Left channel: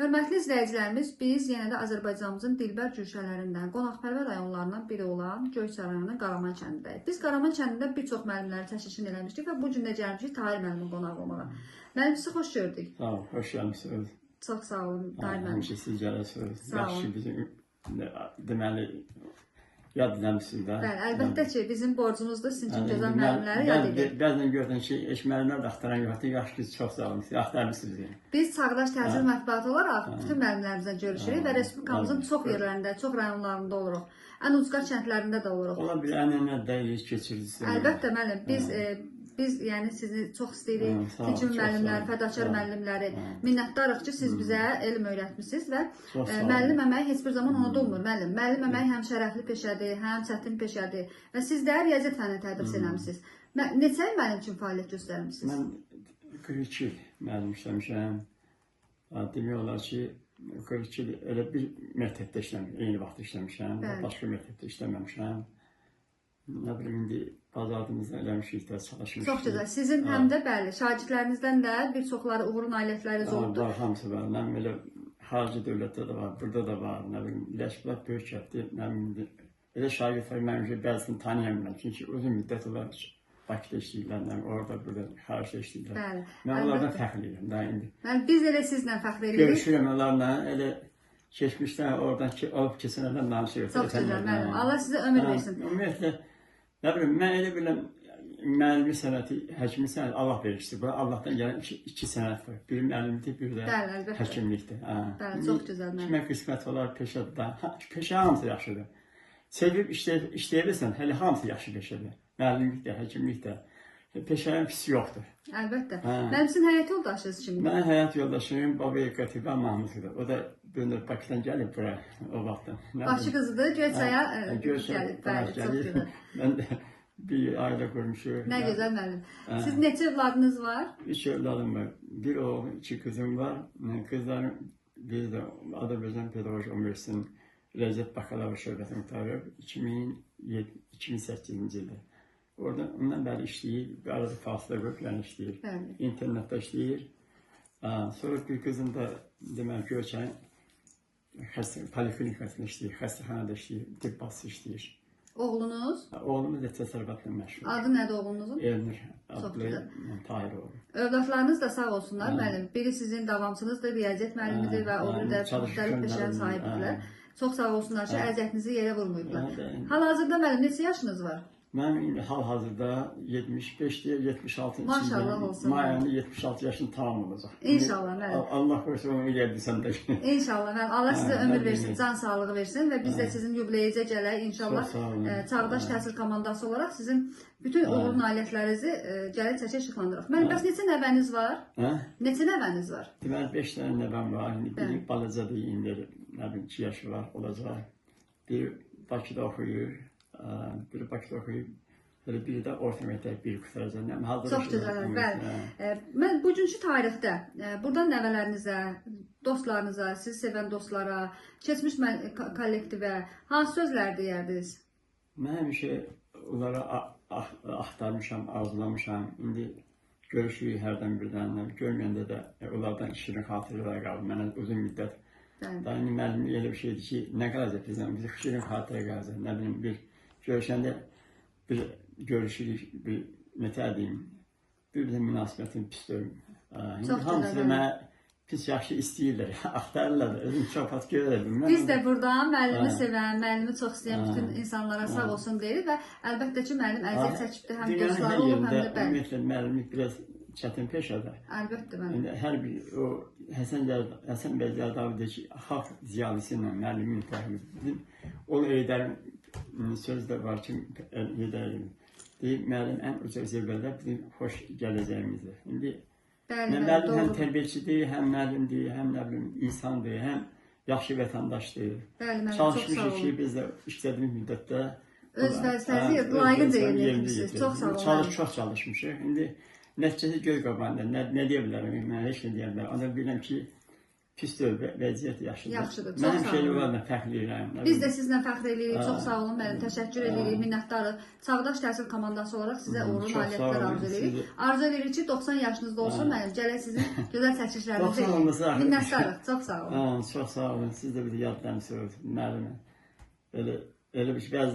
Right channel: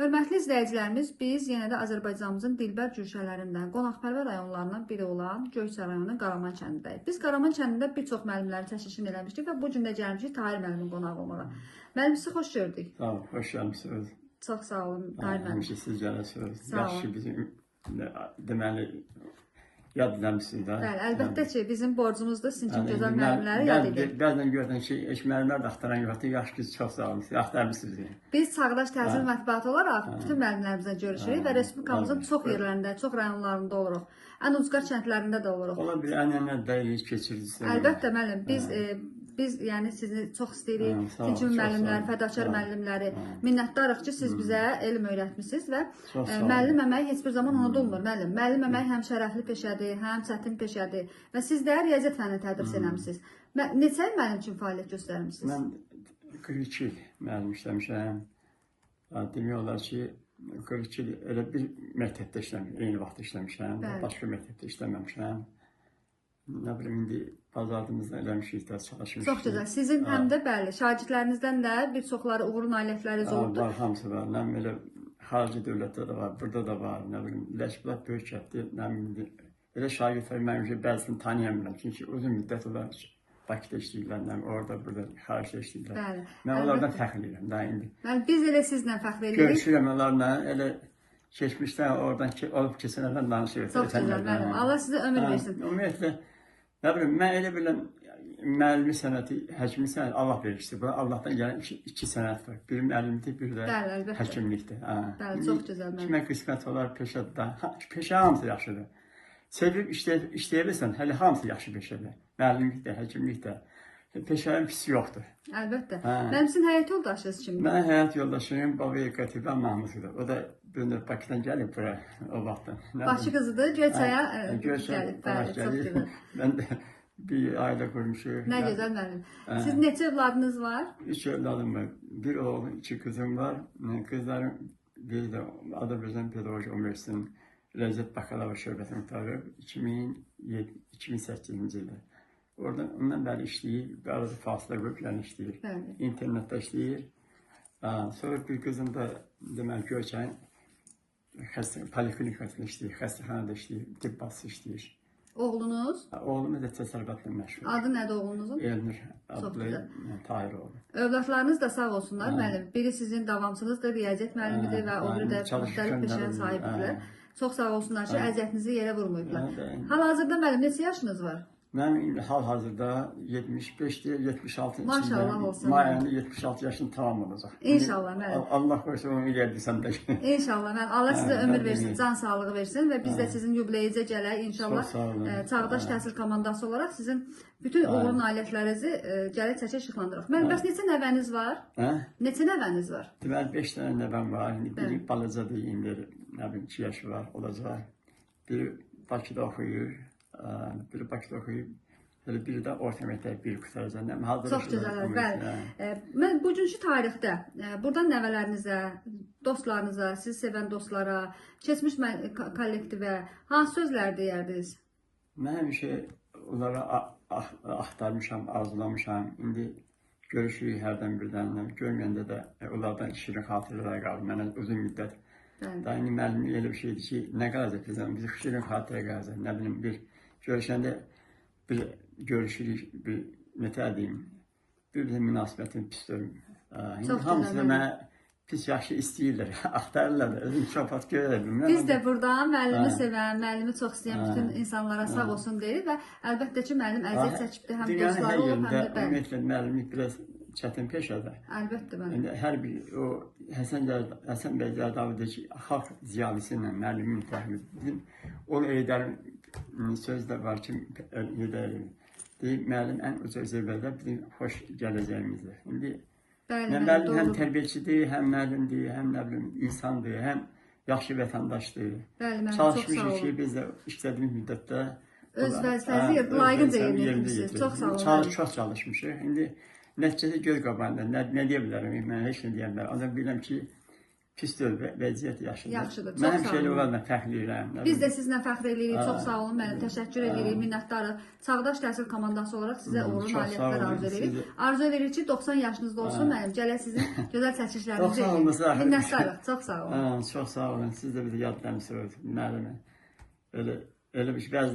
Hörmətli izləyicilərimiz, biz yenə də Azərbaycanımızın dilbər cürşələrindən, qonaqpərvər rayonlarından biri olan Göyçay rayonunun Qaraman kəndindəyik. Biz Qaraman kəndində bir çox müəllimlərin çəkilişini eləmişdik və bu gün də gəlmişik Tahir müəllimin qonaq olmağa. Müəllim, sizi xoş gördük. Sağ olun, xoş gəlmişsiniz. Çox sağ olun, Tahir müəllim. Həmişə siz gələsiniz. Sağ olun. Yaxşı bizim deməli yad eləmişsiniz də. Bəli, əlbəttə ki, bizim borcumuzdur sizin kimi gözəl müəllimləri yad edin. Bəzən görürsən ki, müəllimlər də axtaran yoxdur. Yaxşı ki, çox sağ olun. Axtarmışsınız yəni. Biz Çağdaş Təhsil Mətbuatı olaraq bütün müəllimlərimizlə görüşürük və Respublikamızın çox yerlərində, çox rayonlarında oluruq. Ən ucqar kəndlərində də oluruq. Ola bir ənənə dəyirik, keçirirsiniz. Əlbəttə müəllim, biz yəni sizi çox istəyirik. Hicim müəllimləri, fədakar müəllimləri. Minnətdarıq ki, siz bizə elm öyrətmisiniz və müəllim əməyi heç bir zaman unudulmur. Müəllim əməyi həm şərəfli peşədir, həm çətin peşədir və siz də riyaziyyat fənni tədris eləmisiniz. Neçə il müəllim üçün fəaliyyət göstərmisiniz? Mən 42 il müəllim işləmişəm. Demək olar ki, 42 il elə bir məktəbdə işləmişəm, eyni vaxtda işləmişəm, başqa məktəbdə işləməmişəm. Nə bilim, indi bazarımızda eləmişik də, çalışmışıq. Çox gözəl. Sizin həm də bəli, şagirdlərinizdən də bir çoxları uğur nailiyyətləri oldu. Var, hamısı var. Nə bilim, elə xarici dövlətdə də var, burada da var. Nə bilim, Ləşbulaq böyük kətdir. Nə bilim, elə şagirdlər mənim bəzisini tanıyamıram. Çünki uzun müddət olar Bakıda işləyirlər, orada, burada, xaricdə işləyirlər. Mən onlardan fəxr edirəm daha indi. Biz elə sizlə fəxr edirik. Görüşürəm onlarla, elə keçmişdən, oradan olub keçənlərdən danışırıq. Çox gözəl, Allah sizə ömür versin. Ümumiyyətlə, nə bilim, mən elə biləm, müəllimi sənəti, həkimi sənəti Allah verişdir. Bu, Allahdan gələn iki sənət var. Biri müəllimlikdir, biri də həkimlikdir. Çox gözəl. Kimə qismət olar peşədir da. Peşə hamısı yaxşıdır. Sevib işləyirsən, hələ hamısı yaxşı peşədir. Müəllimlik də, həkimlik də. Peşənin pisi yoxdur. Əlbəttə. Mənim sizin həyat yoldaşınız kimdir? Mən həyat yoldaşım Babaya Qətibə Mahmudludur. O da dönür Bakıdan gəlib bura o vaxtdan. Bakı qızıdır, Göyçaya qonaq gəlir. Mən də bir ailə qurmuşuq. Nə gözəl müəllim. Siz neçə övladınız var? 3 övladım var. Bir oğlum, 2 qızım var. Qızlarım biri də Azərbaycan Pedaqoji Universitetinin Riyaziyyat Bakalavr şöbəsini qurtarıb 2008-ci ildə. Oradan ondan bəri işləyir, bir arada fasilə qoyub yəni işləyir. İnternetdə işləyir. Sonra bir qızım da deməli Göyçayın poliklinikasında işləyir, xəstəxanada işləyir, tibb bacısı işləyir. Oğlunuz? Oğlumuz da təsərrüfatla məşğul. Adı nədir oğlunuzun? Elnur adlı Tahiroğlu. Övladlarınız da sağ olsunlar müəllim. Biri sizin davamçınızdır, riyaziyyat müəllimidir və o bir də müxtəlif peşəyə sahibdirlər. Çox sağ olsunlar ki, əziyyətinizi yerə vurmurdular. Hal-hazırda müəllim neçə yaşınız var? Mən hal-hazırda 75-dir, 76 Maşallah olsun. May ayında 76 yaşım tamam olacaq. İnşallah müəllim. Allah qoysa onu eləyə bilsəm də. İnşallah müəllim. Allah sizə ömür versin, can sağlığı versin və biz də sizin yubileyizə gələk inşallah. Çağdaş təhsil komandası olaraq sizin bütün uğur nailiyyətlərinizi gəlib çəkib işıqlandırıq. Müəllim, bəs neçə nəvəniz var? Neçə nəvəniz var? Deməli 5 dənə nəvəm var. Biri balacadır, indi nə bilim 2 yaşı var, olacaq. Biri Bakıda oxuyur. Biri Bakıda oxuyub, biri də orta məktəb bir qutaracaq. Çox gözəl, bəli. Mən bugünkü tarixdə burada nəvələrinizə, dostlarınıza, siz sevən dostlara, keçmiş kollektivə hansı sözlər deyərdiniz? Mən həmişə onlara axtarmışam, arzulamışam. İndi görüşürük hərdən birdən. Görməyəndə də onlardan şirin xatirələr qaldı. Mənə uzun müddət. Daha indi müəllim elə bir şeydir ki, nə qalacaq bizdən? Biz şirin xatirə qalacaq. Nə bilim, bir görüşəndə bir görüşürük, bir nətər deyim, bir də münasibətin pisdir. Hamısı da mənə pis yaxşı istəyirlər, axtarırlar da, özüm çopat görürəm. Biz də buradan müəllimi sevən, müəllimi çox istəyən bütün insanlara sağ olsun deyirik və əlbəttə ki, müəllim əziyyət çəkibdir, həm dünyanın hər yerində, ümumiyyətlə, müəllimlik biraz çətin peşədir. Əlbəttə müəllim. Hər bir, o Həsən bəy Zərdavi deyir ki, xalq ziyalisi ilə müəllimin mütəxəmmiz. O Eydərin söz də var ki, Eydərin deyir, müəllim ən uca zirvədə bizim xoş gələcəyimizdir. İndi müəllim həm tərbiyəçidir, həm müəllimdir, həm insandır, həm yaxşı vətəndaşdır. Çalışmışıq ki, biz də işlədiyimiz müddətdə öz vəzifənizi layiqdir yerinə çox çalışmışıq. İndi nəticəsi göz qabağında, nə deyə bilərəm, mən heç nə deyə bilərəm. Ancaq bilirəm ki, pis deyil, vəziyyət yaxşıdır. Yaxşıdır, çox Mən sağ həmişə olun. onlarla fəxrləyirəm. Biz də sizinlə fəxr edirik. Çox sağ olun müəllim. Təşəkkür edirik. Minnətdarıq. Çağdaş təhsil komandası olaraq sizə uğurlu Çox sağ nailiyyətlər olun, arzu siz edirik. də- Arzu edirik ki, 90 yaşınızda olsun müəllim. Gələk sizin gözəl 90 çəkilişlərinizi. olmasa axı. Minnətdarıq. Çox sağ olun. Çox sağ olun. Siz də bir yadlarınızı müəllimə. Elə bir bəziləri